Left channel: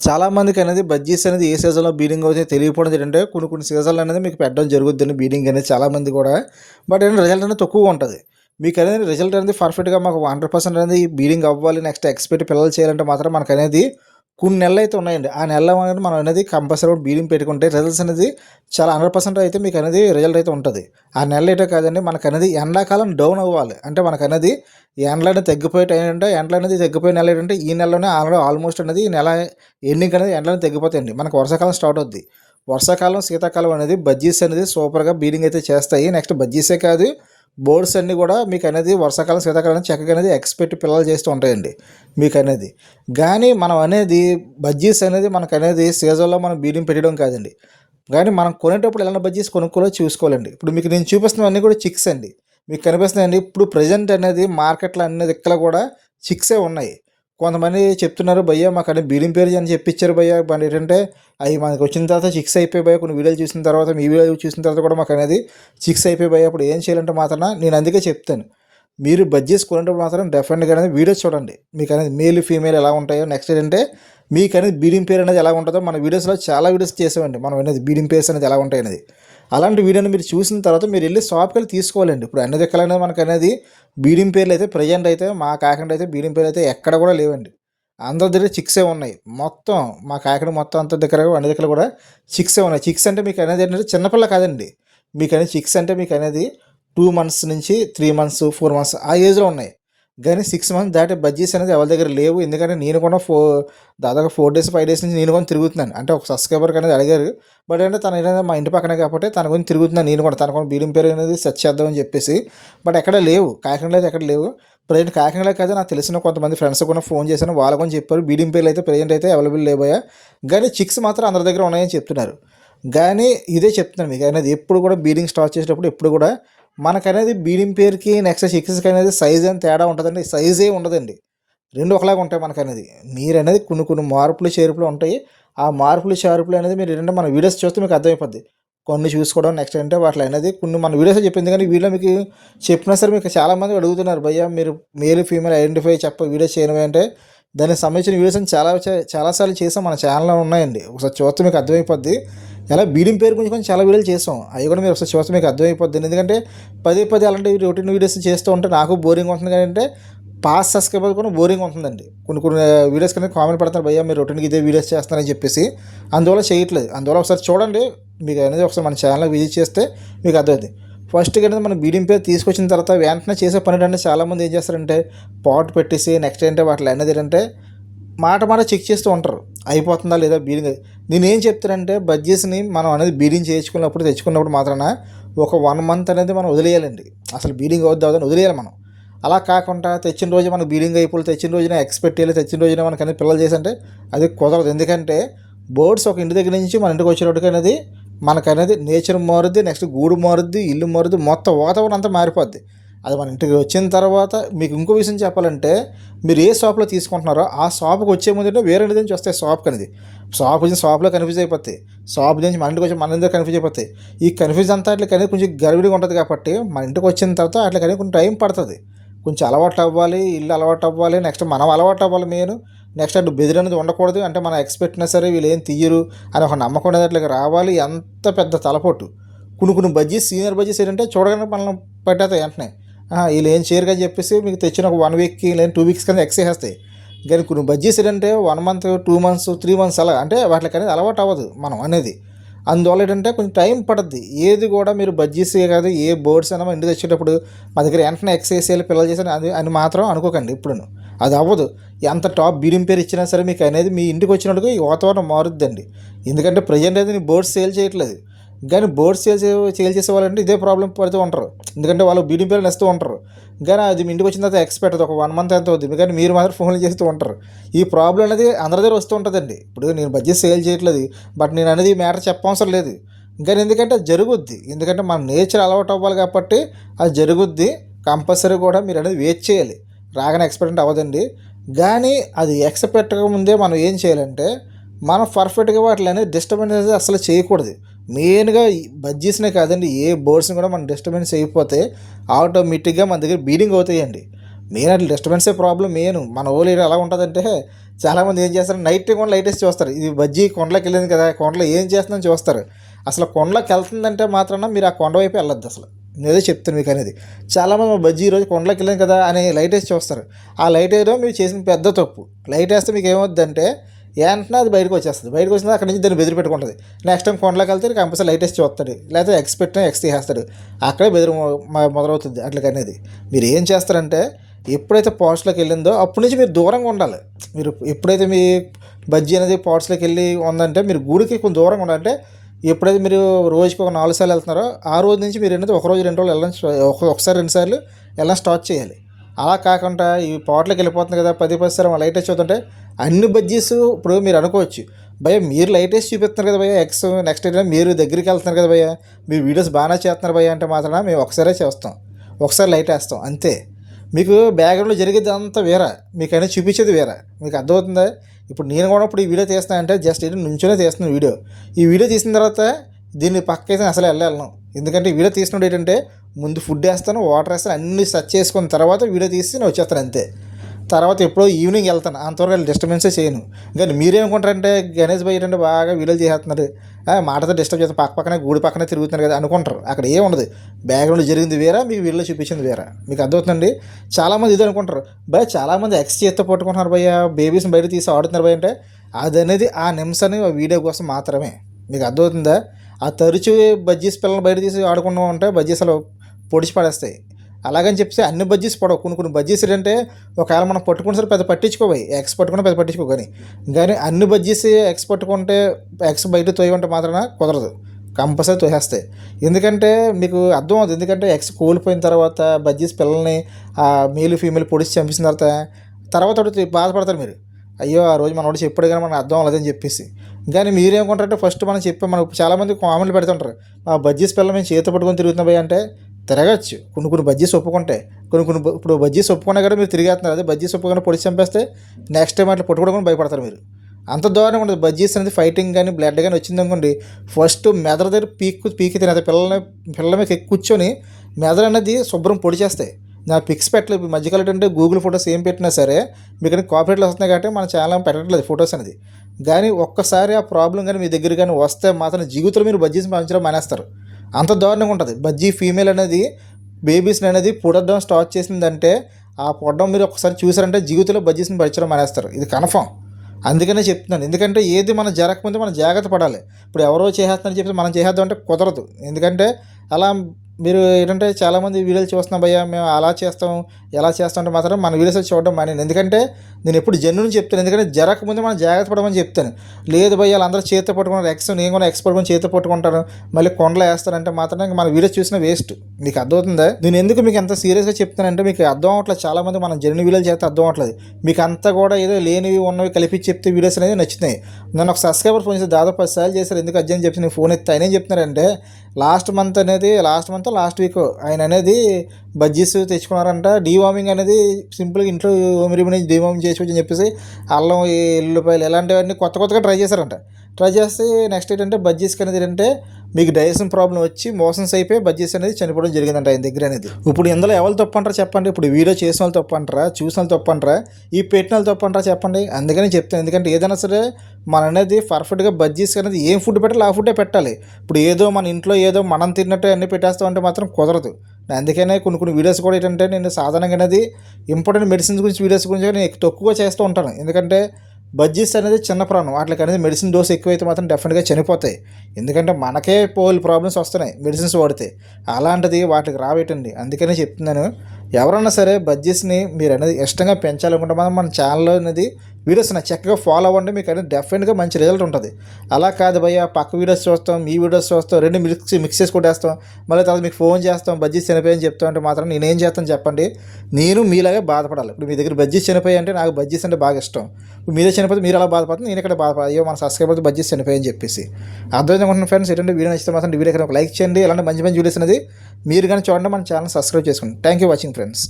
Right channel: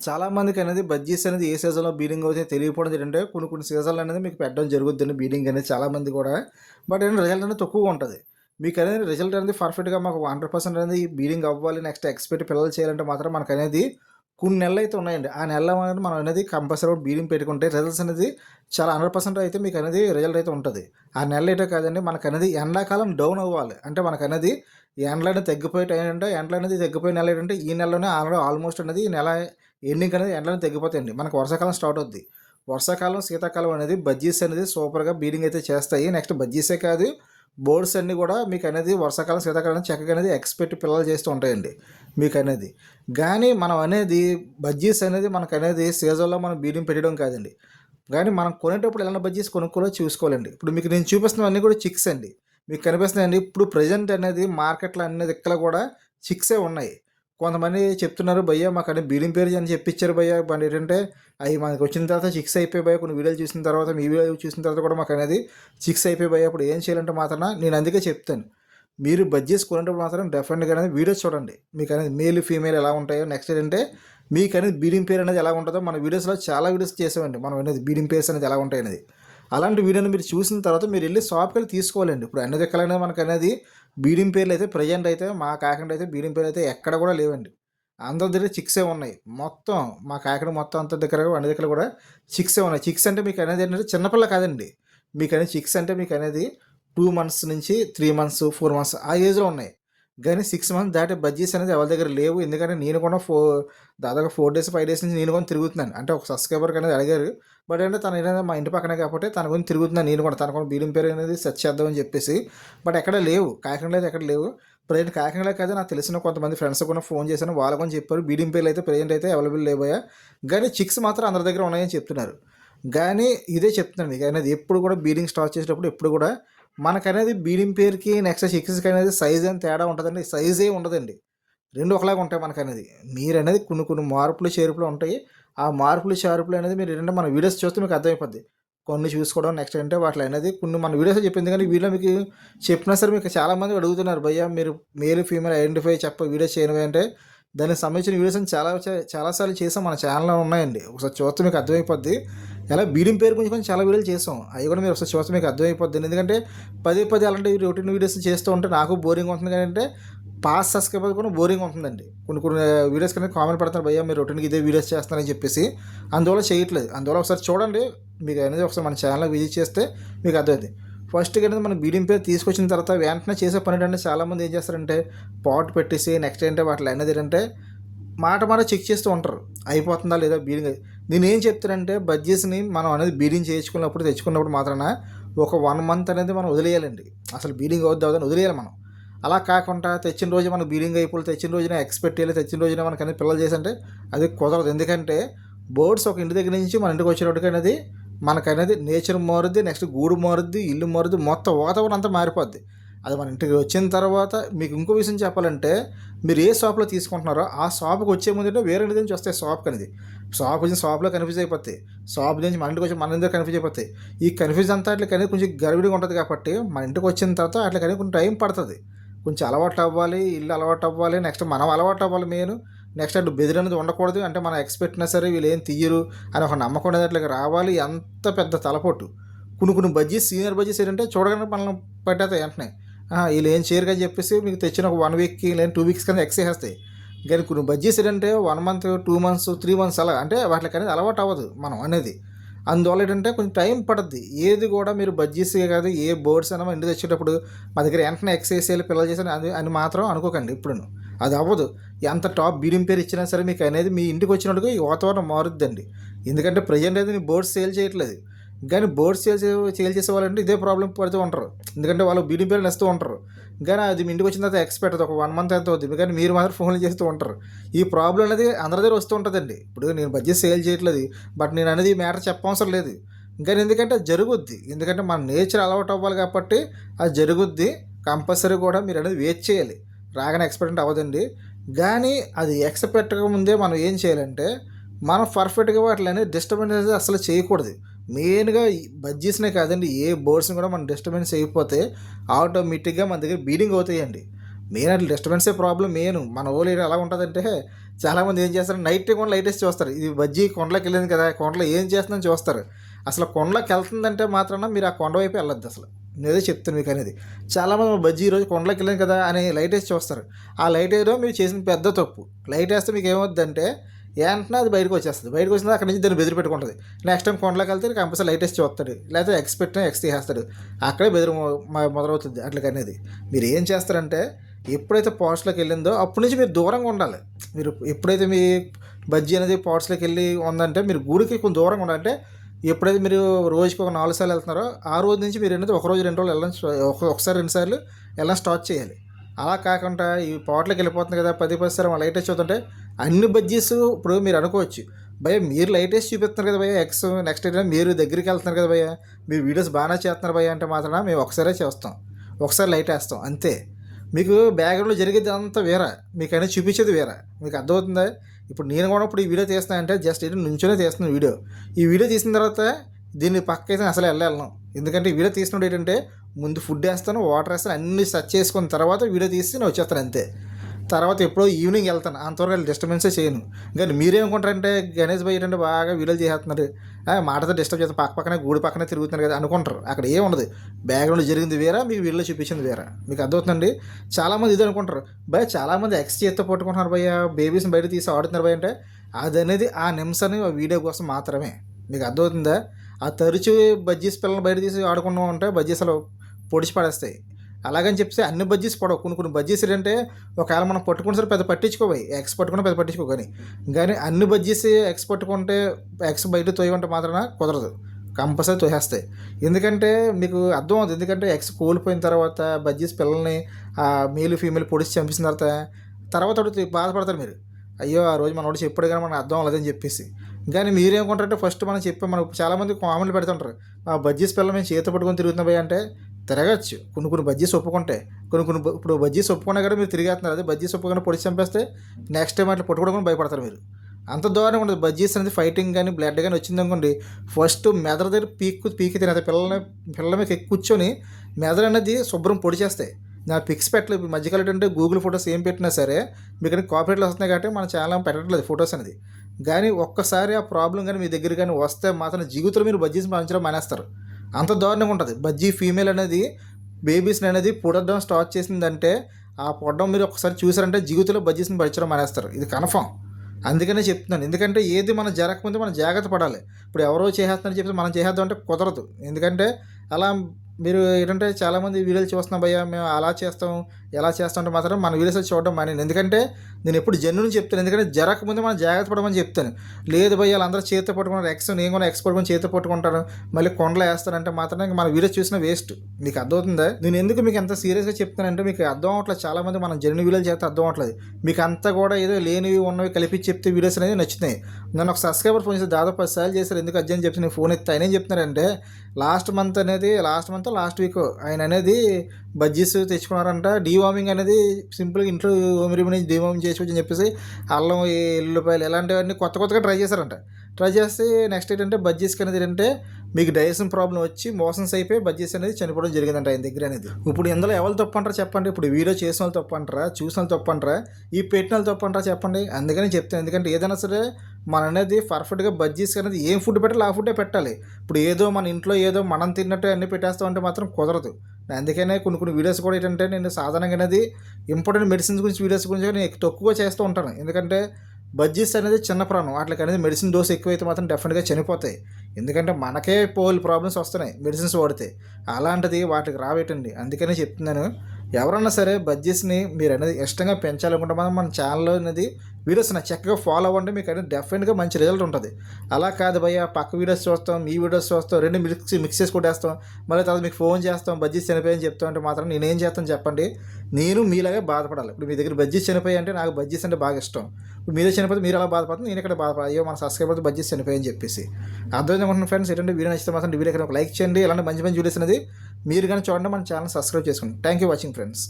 చాలామందికి అనేది బజ్జీస్ అనేది ఏ సీజన్‌లో బీడింగ్ అవుతాయో తెలియకపోవడం ఏంటంటే కొన్ని సీజన్‌లో అనేది మీకు పెట్టడం జరుగుద్దండి బీడింగ్ అనేది చాలామంది కూడా. బట్ ఏంటంటే రిజల్ట్ అనేది తక్కువగా ఉంటది. మీకనేది రిజల్ట్ అనేది పర్ఫెక్ట్‌గా మాకు 100% అనేది బీడింగ్ అవ్వాలి. నెక్స్ట్ ఎక్స్‌పెక్ట్ పిల్లలు చేయాలంటే మాత్రం మనకనేది కొన్ని నెలలైతే ఉన్నాయండి. ఆ నెలలో అనేది మనం అనేది కంపల్సరీగా బీడింగ్ పెట్టుకుంటే రిజల్ట్స్ అనేది చాలా 100% అయితే మీకనేది రిజల్ట్ అయితే ఉంటది. ఆ నెలలేటో కాదండి మనకనేది ఎండాకాలం డౌన్ అవ్వాలి. అంటే మనకనేది ఎండలనేది తగ్గిపోయే టైం అంటే ఎండలనేది తగ్గిపోయే నెల ఏంటంటే ఈ నెలలోనే ఆల్మోస్ట్ అనేది ఈ నెల ఎండింగ్ అనేది ఎండలు తగ్గిపోతాయండి. మనకు వర్షాకాలం స్టార్ట్ అవుద్ది. వర్షాకాలం, శీతాకాలం అనేది బజ్జీస్ అనేది సూపర్‌గా బీడింగ్ అయితే చేస్తాయి. నెక్స్ట్ బజ్జీసే కాదు బోర్డ్స్ అన్నీ కూడా మీకనేది వర్షాకాలం, శీతాకాలం చక్కగా అనేది ఎక్స్‌పెక్ట్ పిల్లలు చేస్తూ ఉంటాయండి మీకనేది. గానీ మనం అనేది బజ్జీస్ అనేది మనకనేది సీజన్‌లో మనం బీడింగ్ పెట్టడం కాదండి. గానీ మనం కొనేటప్పుడు ఎలాంటి బజ్జీస్ కొనుక్కోవాలో చూసుకోవాలండి. ఇప్పుడు మీకు నేను చూపిస్తున్నవన్నీ కూడా చిక్స్ అండి. మీకు కనిపిస్తున్నాయండి. ఇప్పుడు ప్రెజెంట్ అనేది మార్కెట్‌లో అన్ని దిక్కుల కూడా చిక్సే ఉన్నాయి. కొంతమంది చెప్తున్నారు భయ్యా మాకని బీడింగ్ పేరు అని చెప్పించారు భయ్యా. మరేంటంటే అయి మనకొచ్చిన తర్వాత చిక్స్ అయిపోయాయి భయ్యా. కొన్ని వీడియోలు చూసిన తర్వాత మీ వీడియో చూసిన తర్వాత కూడా మాకనేది చిక్స్ అయిపోయాయి భయ్యా. ఇప్పుడు ఏం చేయాలంటే మాత్రాన నేను అందుకే చెప్తాను. మీరు బడ్జెట్స్ కొనేటప్పుడు మాత్రం డెఫినెట్‌గా అనేది వీడియోస్ చూడండి. మీకనేది మేల్, ఫీమేల్ ఎలా ఉంటాయో నెక్స్ట్ ఏంటంటే మీకనేది బీడింగ్ పేరు అనేది ఎలా ఉంటుందో మన వీడియోస్‌లో చాలా వీడియోస్ చేసామండి. మనం అనేది బీడింగ్ పేర్స్ అనేది ఎలా ఉంటాయనేది. అలాంటి వీడియోని మీరు చూసిన తర్వాత మీరు వెళ్ళి షాప్‌కెళ్ళి తీసుకోవాలండి. ఇప్పుడు అన్ని దిక్కులనేది మనకనేది బీడింగ్ పేర్లు అయితే ప్రెజెంట్ అయితే మా కాకినాడ అయితే బీడింగ్ పేర్లు అయితే ఎక్కడ కూడా లేవండి. అందరి దగ్గర చిక్సే ఉన్నాయి. మొత్తం మా కాకినాడ మొత్తం అంత దగ్గర అన్ని దగ్గర కూడా చిక్సే ఉన్నాయి. చిక్స్ అంటే మీకు అనేది ఏంటంటే చిన్నపిల్ల కాదండి. మీకనేది చిక్స్ అంటే మీకనేది 2 మంత్స్ నుంచి 3 మంత్స్, 4 మంత్స్ ఆ ఏజ్‌లో ఉన్నాయి. గానీ 6 మంత్స్ దాటే బజ్జీస్ అనేది ఎవరి దగ్గర లేవు. ఎందుకంటే నేను కూడా దాదాపు 4 డేస్, 5 డేస్ నుంచి నేను కూడా తిరుగుతున్నాను. అంటే ఒక సబ్‌స్క్రైబర్‌కి అనేది అడిగారు. బట్ ఏంటంటే తను ఏంటంటే మా ఇంటి పక్కనే కాబట్టి తన గురించి తిరుగుతున్నాను నేను కూడా. తన కూడా బీడింగ్ పేరు అనేది సెర్చ్ చేద్దామని చెప్పేసి. బట్ ఎక్కడ లేవు. కాకినాడలో అయితే ఎక్కడ లేవు. ప్రెజెంట్ కాకినాడలో కాదు నాకు తెలిసిన కొంతమంది ఫ్రెండ్స్ కూడా ఫోన్ చేశాను. వాళ్ళు కూడా చెప్పారు బీడింగ్ పేర్లు అయితే ప్రెజెంట్ అయితే అవైలబుల్ లేవయ్యా. గానీ చిక్స్ మాత్రం అందరి దగ్గర ఉన్నాయని చెప్తున్నారు. గానీ ఇదే చెప్తున్నాను మీకు అనేది ఎప్పుడు కూడా బీడింగ్ స్టార్ట్ చేసేటప్పుడు ఎప్పుడు కూడా మనకనేది బీడింగ్ పేరుకి నెక్స్ట్ చిక్స్‌కి అనేది సైజ్ ఏం తేడా ఉంటదండి. సైజే ఉండదండి. 2 ఒకలాగా ఉంటాయి మనకనేది. మీరనేది కొన్ని మార్పులు, చేర్పులు ఉంటాయి. ఆ మార్పులు, చేర్పులు అనేది మీరేంటంటే మన వీడియోస్ చూస్తే మీకు అర్థమైపోద్ది. కొన్ని చూసుకోవడం నెక్స్ట్ అంటే వాటిలో అనేది కొన్ని మన వీడియోసే చెప్పింది కానీ వీడియోలో మీకు చెప్పినా సరే మీకు చాలామంది అడుగుతున్నారు భయ్యా మీరు మేల్, ఫీమేల్ ఐడెంటిఫై వీడియోస్ చేయనివి అంటే దానికి సంబంధించిన వీడియోస్ అని చాలా సార్లు చేసాం మన ఛానల్‌లో ఉన్నాయండి. ఒకసారి చూస్తే మీకు అర్థమైపోద్ది. ఇలా బీడింగ్ పేరు గురించి కొంచెం చాలా వీడియోలు చేసాం. అవి కూడా మీరు ఒకసారి చూస్తే మీకు అర్థమైపోద్ది. ఎందుకంటే పదే అలాంటి రొటీన్ వీడియోస్ చేస్తూ ఉంటే నాకు బోరింగ్ ఉంటుంది కానీ అంటే పాస్ సబ్స్క్రైబర్ కూడా బోరింగ్ ఉంటుందండి. కొన్ని వీడియోస్ కింద కామెంట్ పెడతారు భయ్యా మీరు రొటీన్‌గా ఇదే వీడియోస్ చేస్తున్నారని చెప్పేసి. అందువల్ల చేయట్లేదు. అందువల్ల ఒకసారి చూడండి. మీకు అనేది ఒకసారి మన ఛానల్ విజిట్ చేస్తే మీకు అర్థమవుద్ది. ఫస్ట్‌గా అనేది మనం బీడింగ్ పేరు తీసుకొచ్చిన తర్వాత వెంటనే చేసే పని ఏంటంటే చాలామంది ఏం చేస్తారంటే పాట్ పెట్టేసి నెక్స్ట్ ఏంటంటే వాటిలో అనేది ఏంటంటే మాట చెక్ చేస్తూ ఉంటారు. అయిపోతుందా లేదా బీడింగ్. నేనేం చెప్తానంటే బడ్జెట్స్‌ని మనం అనేది బీడింగ్ చేయించుకున్నప్పుడు తెచ్చుకున్నప్పుడు మాత్రాన ఒక 1 మంత్ అనేది మనం వదిలేయాలండి. అసలు బీడింగ్ అవుద్దా అవ్వదా అని వదిలేయాలి మనం. అలా కాకుండా తెచ్చిన రోజు మనకు బీడింగ్ అయిపోయి తెచ్చిన రోజున ఎక్స్‌పెక్ట్ చేయాలి. తెచ్చిన రోజున మనకన్నీ పిల్లలు చేసంటే అది కుదరదు. ఎందుకంటే బర్డ్స్ ఒక ఇంటి దగ్గర నుంచి మన ఇంటికి వచ్చేటప్పటికి అనేది మనకనేది నేచర్ మారుద్ది. నెక్స్ట్ గూడు మారుద్ది, ఇల్లు మారుద్ది, మొత్తం వాతావరణం అంతా మారిపోద్ది. అది మన ఇంటికి వచ్చిన తర్వాత మీకు ఇంకో విషయం చెప్పాలంటే మీరు ఏ షాప్‌లో తీసుకుంటున్నారో ఆ షాప్‌కి వచ్చే ముందంటే వేరే ఇంటి నుంచి వస్తాయి షాప్‌కనేది. షాప్ నుంచి షాప్‌లో కన్‌ఫ్యూజ్ అయిపోతాయి. షాప్ నుంచి మన ఇంటికి వచ్చి మన ఇంట్లో కన్‌ఫ్యూజ్ అయిపోతాయి. ఈ కన్‌ఫ్యూజ్ అంతా ఆటిలకనేది కొంచెం గజిబిజిగా ఉంటది కాబట్టి మన ఇంటికి వచ్చిన తర్వాత ఆటిలకనేది కొంచెం టైం పడతది. కొంచెం అలవాటు అవ్వాలి, ఇల్లు అలవాటు అవ్వాలి, నెక్స్ట్ మనం అలవాటు అవ్వాలి మెయిను. నెక్స్ట్ అటు బెదిరనేది ఉండకూడదు. అంటే మనం ఎక్స్‌పెక్ట్‌నా సరే వీళ్ళేం తీయరు అని ఒక నమ్మకం అనేది అట్లకి రావాలి. ఎంత పెద్ద తలపోటు. కొన్ని బజ్జీస్ సీనియర్ బజ్జీస్ ఏంటంటే చూడగానే మనల్ని పట్టేస్తాయి వెంటనే. ఈళ్ళు ఏం చేయరుగా అని చెప్పేసి మీకు తెచ్చిన ఒక 1 వీక్‌కి లేదా 2 వీక్స్ కింద ఎక్సేసేస్తాయి. కానీ కొన్ని బజ్జీస్ ఏంటంటే 1 మంత్, 2 మంత్స్, 3 మంత్స్ అలా అంటే వాటిలకనేది అలవాటు అవ్వదు మనం అనేది. అందువల్ల ఏంటంటే కొంచెం టైం పడద్ది. ఏది కూడా మీరు బజ్జీసే కాదు ఏ బర్డ్స్ అయినా మన ఇంటికి తెచ్చేటప్పుడు మా దగ్గర వెంటనే ఎక్సేసేయాలి పిల్లలు చేసి అని మాత్రం అనుకోకండి ఎప్పుడును. అది అవ్వదు. ఎంత టాప్ బీడింగ్ పేరు ఇచ్చినా సరే మీకు అనేది మీ ఇంటికి వచ్చినట్టుగా ఈ వాతావరణం మారుద్దండి. ఎందుకంటే ప్రెజెంట్ అయితే నేను బర్డ్స్ సేల్ చేయట్లేదు. కానీ బర్డ్స్ సేల్ చేసే వాళ్ళంటే ఇదే ప్రాబ్లమ్ పడుతూ ఉంటారు. ఎందుకంటే వాళ్ళు బీడింగ్ పేర్లు ఇస్తూ ఉంటారు. కానీ అది మీ ఇంటికి వచ్చిన తర్వాత ఎక్స్‌పెక్ట్ ఒక 1 మంత్ ఎంత అవుద్ది. కానీ మీరు మాత్రం ఫోన్లు చేస్తూ ఉంటారు. ఈ ప్రాబ్లమ్ అనేది అందరి దగ్గర వస్తూ ఉంటుందండి. ఇప్పుడు నేను బడ్జెట్ సేల్ చేయట్లేదు. బట్ నేను అనేది ఈ మ్యాటర్ చెప్పవసరం లేదు. కానీ ఎందుకంటే జరుగుద్ది. ఎందుకంటే మన నేచర్ అలవాటు అవ్వాలి కాబట్టి అది జరుగుద్ది. కంపల్సరీ కూడా మీరు అనేది వెయిట్ చేయాలి. రాగానే ఎక్స్‌పెక్ట్ అవ్వదండి. కానీ అది ఎక్స్‌పెక్ట్ ముందే మనం ఏం చేయాలంటే మనం పర్ఫెక్ట్‌గా వాటిలనేది డిస్టర్బెన్స్ అనేది అస్సలు చేయకూడదు. మెయిన్‌గా ఈ బజ్జీస్‌నే కాదండి ఏ బర్డ్స్‌ని కూడా మనం డిస్టర్బెన్స్ చేయకపోతే ఆటోమేటిక్‌గా మన దగ్గర బీడింగ్ అవుతాయండి. మెయిన్ అట్లా డిస్టర్బెన్సే ప్రాబ్లం మెయిన్. మన ఓళ్ళు ఏరియా ఎలా ఉంటుందంటే చాలామంది ఏం చేస్తారు, నైట్ టైం కూడా లైట్ వేసి చూస్తారు. ఇది బజ్జీ కొండలోకి వెళ్ళింది కదా, కొండలో ఏం చేస్తుందని చూస్తారు. అసలు కొండలోకి వెళ్తుందంటే మాత్రాన మీరు ఆ కొండ వైపు వెళ్ళొద్దు అసలు. నేనే చెప్తాను మీకు అనేది. చాలామంది బజ్జీ ఈరోజు కొండలోకి వెళ్ళింది కదా అని లైట్ వేసి చూస్తారు. ఆ లైట్ వేయడం మీరు చేసిన పెద్ద తప్పు. లైట్ వేస్తే మీకు ఏమవుద్దంటే వెంటనే అది బయటకు వచ్చేస్తుంది. బయటకు వచ్చినా అక్కడి నుంచి దాన్ని బెదిరి పెట్టుకుంటుంది. నెక్స్ట్ టైం కొండలోకి వెళ్తే కంపల్సరీ లైట్ వేసి చూస్తాడు, లేకపోతే ఎక్స్ పెట్టినా ఎక్స్ తీసేస్తాడు. అక్కడే బెదిరి మొదలవుతుంది అట్లకి అనేది. మీరు ఏం చేస్తారంటే ఎప్పుడైతే పాట్స్లోకి వెళ్ళిందో అప్పటి నుంచి మీరు దూరంగా ఉండాలి. మీరు ఎప్పుడైతే మీ బజ్జీ అనేది పాట్స్లోకి వెళ్ళి ఉందంటే మీరు గుడికి కొంచెం దూరంగా ఉండాలంటే ఎప్పుడైతే మీరు రోజుకి ఒక 4 సార్లు వెళ్తున్నారో ఆ రోజు నుంచి మీరు అనేది ఒక రోజు 2 రోజులు వెళ్ళడం ఒకసారి 2 సార్లు వెళ్ళడం స్టార్ట్ చేయాలి. అలా కాకుండా ఈ పాట్లోకి వెళ్ళిపోతుంది కదా 10 సార్లు లైట్ వేసి చూస్తుంటే అన్ని బజ్జీస్ ఇప్పుడు మీరు అనుకోవచ్చు, భయ్య మీరు లైట్ వేసి చూపిస్తున్నారు కదా భయ్య ఎక్స్, నెక్స్ట్ ఏంటంటే మీరు దగ్గరికి వెళ్తున్నారు కదా భయ్య, మీరు వీడియోస్ బాగానే చేస్తున్నారు భయ్య అంటే మాత్రం మేము ఒకసారే చేస్తాం, ఒకసారి లైట్ వేస్తాం అంతే. మీకు బ్యాక్గ్రౌండ్లో జరిగేది అంతా వేరే, మీకు అనేది చూపించేది వేరే. మీకు అర్థమవుతుందా? ఇప్పుడు నేను కూడా ఇప్పుడు ఈ వీడియో తీస్తున్నాను అంటే జస్ట్ ఏంటి నుంచోనే తీస్తున్నాను వీడియో. ఈ వీడియో తీసిన తర్వాత దీన్ని పక్కైతే అసలు వెళ్ళను. ఎందుకంటే ఈ వీడియో తీసినప్పుడు ఏంటంటే ముందు ఫుడ్ వేస్తాను, వాటర్ వేస్తాను, అన్నీ సెర్చ్ చేసుకున్న తర్వాత వీడియో తీసి నేను వచ్చేస్తాను అంతే. తర్వాత ఎప్పుడో ఈవినింగ్ వెళ్తాను, అంతవరకు డిస్టర్బెన్సే చేయను. కానీ మీరేమనుకుంటారంటే గణేష్ భాయ్ ఏంటంటే బాగా వీడియోలు చేసేస్తున్నారు, మాటతో డిస్టర్బ్ చేస్తారు, పక్కనే గూడి పక్కనే తిరుగుతున్నారు కదా అనుకుంటారు. అక్కడ ఏం ఉండదు, బ్యాక్గ్రౌండ్లో జరిగింది వేరే, మీ వీడియోలో చూపించింది వేరే. మీకు అర్థమవుతుందండి. చాలామంది ఇది అనుకుంటారు, భయ చాలామంది ఎక్స్ చేత్తో పట్టుకుంటున్నారు భయ్య, బేబీస్ని బయట తీసి ఆడుతున్నారు భయ అంటే అది అనేది ఆ నిమిషాన్ని వీడియో కోసం మాత్రమే. మీకు అర్థమవుతుందా? ఆ తరచూ బజ్జీస్ పిల్లలు బయట తీసి ఆడుకుంటూ ఉంటే బజ్జీస్ పొడిచి పడేస్తాయి. అలాగని చెప్పి అన్ని బజ్జీస్ పడవు. కొన్ని బజ్జీస్ ఏంటంటే ఒకవేళ మనం పట్టుకున్న సరే పెద్ద పట్టించుకోవాలి, ఎక్స్ పట్టుకుని పెద్ద పట్టించుకో. కానీ అన్ని బజ్జీస్ ఎక్స్ పట్టుకుంటే ఎక్స్ బయట తోయమంటే మాత్రం కుదరదు, కంపల్సరీ తోసేస్తాయి. ఎందుకంటే మీకు అర్థం అవుతుంది, ఎందుకంటే ఎక్స్ కోల్పోయిన తర్వాత బజ్జీస్ పిల్లల్ని ఆ మేలు ఫీమేల్ పొడిచి చంపేసిన తర్వాత ఒకటి బాధపడతారు మీరు, అయ్యో ఆ రోజు మనోడు చెప్పాడు కానీ మనకు అర్థం అవ్వలేదని చెప్పేసి. కానీ మీరేమనుకుంటారంటే ఫస్ట్ మనం చెప్పాం, మనకు చాలామంది కామెంట్లు పెడుతుంటారు, ఆ బజ్జీస్ పిల్లలు మేము చేతి పట్టుకొని తిరుగుతున్నాయి అంటే తిరగచ్చు. కొన్ని బజ్జీస్ ఒప్పుకుంటే ఇప్పుడు బజ్జీస్ ఒప్పుకున్నా కూడా మీరు తిరిగేస్తున్నారు. అదే బజ్జీస్ ఒప్పుకుండా పొడిచి చంపేస్తే నెక్స్ట్ టైం అట్లా పట్టుకోవడం భయపడతారు మీరు. అంత దారుణంగా ఉండదు. బజ్జీస్ అనేది ఫైటింగ్ కానీ బ్లడ్ కానీ వచ్చింది అనుకోండి, ఫస్ట్ మెదడు దగ్గర పీకి తినేది పిల్లల మీద కూర్చొని మెదడు అనేది శుభ్రం పొడి చేస్తాయి. నా పిక్స్ పెట్టలేదు ఈ మధ్యకాలం ఏంటంటే గూగుల్ ఫొటోస్ ఏం పెట్టినా సరే మీకు కాపీరేట్లు వస్తున్నాయి కాబట్టి మనం చాలా పెట్టట్లేదు ఫొటోస్ అనేది. కానీ ఒక్కసారి ఆ ప్రాబ్లం కానీ మీ దగ్గర కానీ వస్తే మాత్రం జీవితంలో మీరు బజ్జీస్ పంచడం మానేస్తారు. అంత దారుణంగా ఉంటుంది. బజ్జీ ఫీమేల్ అనేది బేబీస్ని అనేది పుడడం స్టార్ట్ చేసిందంటే ఆ పుడడం మీరు ఒకసారి చూసారంటే జీవితంలో బజ్జీస్ని భరించడం మానేస్తారు, ఇది కన్ఫామ్. అందుకనే చెప్తున్నాను. ఎందుకంటే ఏది మనం జరగకముందే మనం జాగ్రత్త పడాలి. ఇప్పుడు ఎవరో చేసేస్తారని చెప్పి మనం చేసేద్దాం అంటే కుదరదు. ఎందుకంటే అలా మీరు ఏంటంటే చాలామంది వీడియోలు చూస్తున్నాం భయ్యా మేము అలా చేస్తాం ఎలా చేస్తాం అంటే మాత్రం మన వీడియోస్ చూడడం మానేను. ఎందుకంటే నేను ఎప్పుడు జన్యుని చెప్తాను, ఎందుకంటే జరగకముందే మనం జాగ్రత్త పడమని చెప్తాను. లేదు భయ్య వాళ్ళందరూ చేతితో పట్టుకుంటారు, ఎక్స్ నేను కూడా ఎక్స్ పట్టుకొని చేతితో పట్టుకుంటాను, మళ్ళీ కొండలో వేస్తానంటే మాత్రం మన వీడియోస్ చూసిన వేస్ట్. మీకు అర్థమవుతుందా? నేను ఎందుకు మీకు ఎంత సీరియస్గా చెప్తానంటే మీకు అర్థం అవ్వట్లేదు. చాలామంది మనం జన్యు వీడియోలు చేస్తే అర్థం అవ్వట్లేదు. మీకు అంతా కూడా ఏదో లేనివి ఉన్నవి కలిపి చెప్తే వీడియోస్ అనేది నచ్చుతాయి. నేను ఒక సబ్స్క్రైబర్ ఫోన్ చేసి దాదాపు 10 సార్లు చేశారు, ఎందుకు అర్జెంట్ చెప్పి నేను ఫోన్ ఎత్తే ఆయన ఏం చెప్తున్నారంటే లాస్ట్ వీక్ ఆయన అనేది బజ్జీస్ తెచ్చుకున్నారంట, డీవార్మింగ్ అనేది సింపుల్గా ఇంట్లో హోమ్ రెమెడీ డీవార్మింగ్ చేసుకోవచ్చు అని చెప్పేసి అల్లం ఎల్లుపాయలు ఇలాంటివన్నీ కొత్తగా ట్రై చేశారంట. ట్రై చేస్తే నెక్స్ట్ ఏంటంటే బజ్జీస్కి అనేది ఏంటంటే మీకు డైజెషన్ ప్రాబ్లం వచ్చి మోషన్స్ అయిపోయి బజ్జీస్ అనేది చనిపోవడం జరిగిందంట ఆయన దగ్గర అనేది. ఇప్పుడు ఇందులో ఎవరు తప్పు అంటారా చెప్పండి? ఇప్పుడు వీడియో చేసిన వాళ్ళు తప్పు అంటారా, చూసిన వాళ్ళు తప్పు అంటారా, ఈ పెట్టిన వాళ్ళు తప్పు అంటారా చెప్పండి? అందుకని చెప్తాను. ఎందుకంటే ఏదైనా సరే మన అనేది పర్ఫెక్ట్గా బజ్జీస్ అనేది ఏం ఫుడ్ పెట్టాలి ఆ ఫుడ్డే పెట్టాలి. ఇప్పుడు ఏదో మన ఇంట్లో ఏదో మనం తిన్నట్టు అన్నీ పెట్టేస్తామంటే మాత్రం కుదరదు. అందుకనే కొన్ని వీడియోస్ కూడా ఏంటంటే నేను సాధారణంగా అనేది ఇంపార్టెంట్ మెడిసిన్స్ గురించి వీడియోస్ గురించి నేను తక్కువగా చేస్తూ ఉంటాను. ఎందుకంటే బజ్జీస్ అనేది చిన్న ప్రాణం, వాటికి అనేది మెడిసిన్ డోస్ ఎక్కువైతే మాత్రం డెఫినెట్గా చనిపోతాయి. ఎందుకంటే మనకే ప్రాబ్లమ్స్ వస్తున్నాయి మెడిసిన్స్ వాడితే, అలాంటిది వాటికి రావేటండి. అందుకనే చెప్తున్నాను, ఎవరన్నా సరే బజ్జీస్ని మీరు అనేది ఇష్టంగా పెంచాలనుకుంటే మాత్రం మన ఛానల్లో అనేది వీడియోస్ చక్కగా ఫాలో అవ్వండి, మీకు అనేది డెఫినెట్గా మంచి రిజల్ట్ ఉంటుంది. అలా కాదు భయ్య పక్క వీడియోస్ చూస్తాం ఈ వీడియోస్ చూస్తాం రెండు మిక్స్ చేసి కొట్టేస్తాం, మళ్ళీ తర్వాత మీకు ఫోన్ చేస్తాం బజ్జీస్ చనిపోయని చెప్తాం అంటే మాత్రం నేనేం చేస్తాను చెప్పండి? నేను మీలాగే బాధపడాలి. ఇప్పుడు మీ దగ్గర బజ్జీస్ చనిపోయి అంటే నాకు బజ్జీస్ అంటే బాగా ఇష్టం, ఇప్పుడు మీరే చనిపోతే మీరు అలా బాధపడుతుంది, నేను ఇక్కడ బాధపడాలి, అయ్యో మన సబ్స్క్రైబర్తో బజ్జీస్ చనిపోయని చెప్పేసి. అర్థం ఫ్రెండ్స్, ఏంటంటే వీడియో నచ్చితే మాత్రం వీడియో ఒక లైక్ చేయండి. ఇలాంటి మంచి వీడియోస్ అనేది మీరు కానీ చూడండి, మన ఛానల్ సబ్స్క్రైబ్ చేసుకోండి. Thank you watching friends.